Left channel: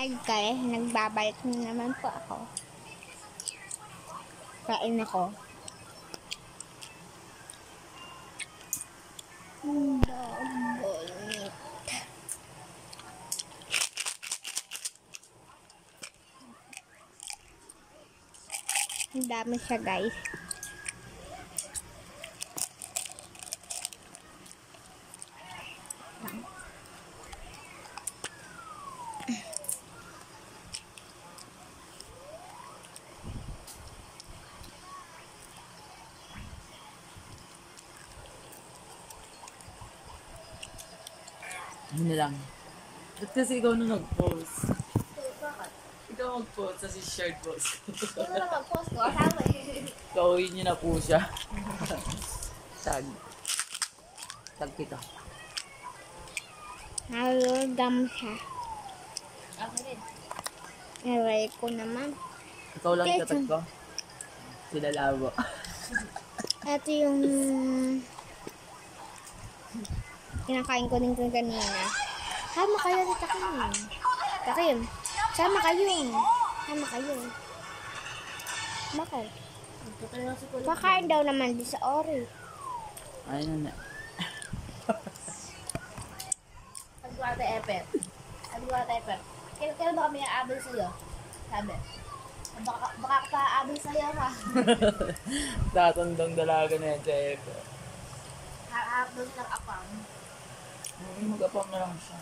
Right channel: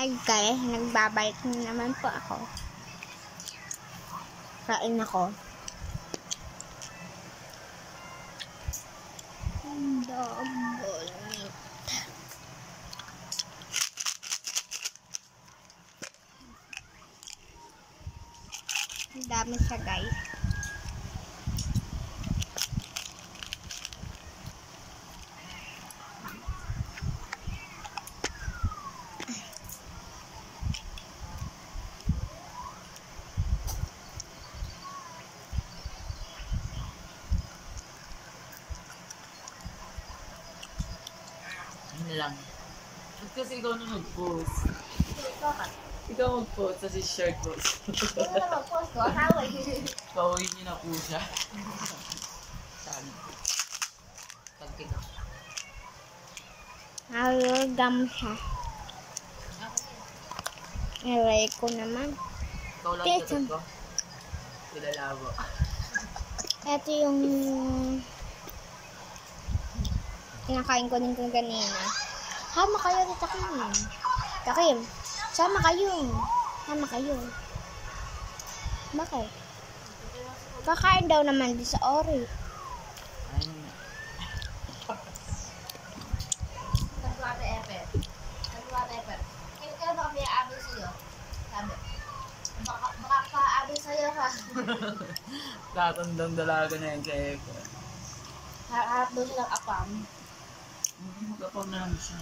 Hi guys, nagbabalik na naman po ako. Kain ako. Double meat. Ang dami siya guys. Yun lang. Ba't kasi ikaw na nag-post? Ikaw mag-post, kasi short post. Ikaw na mag-post ko, asawa Kauhin niyo na po siya. Tag. Tag kita. Nalagam siya. Aray ko naman. Ikaw lang itatag ko. Sila labo. Ito yung kinakain ko din ko kanina. Sama kayo sa Takim. Takim, sama kayo. Sama kayo. Bakit? Kakain daw naman di sa Ori. Ayun na. Nagbuwate Eper. Nagbuwate Eper. Kailan ba kami aabal sa'yo? Sabi. Baka ka-aabal sa'yo ka. Tatandang dalaga na yan sa Epe. Harap doon silang apam. Mag-apam na lang siya.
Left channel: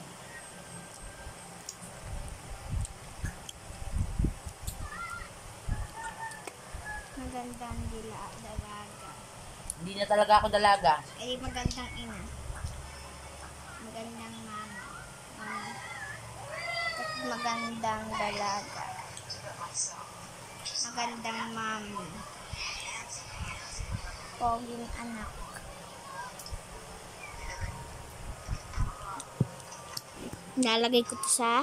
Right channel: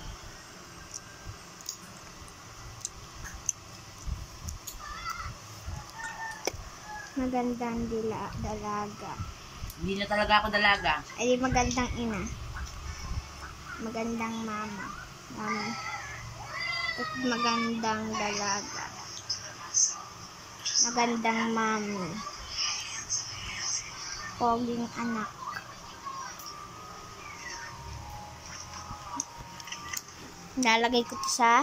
Magandang dalaga. Hindi na talaga ako dalaga. Ay, magandang ina. Magandang mama. Mami. At magandang dalaga. Magandang mami. Poging anak. Nalagay ko to sa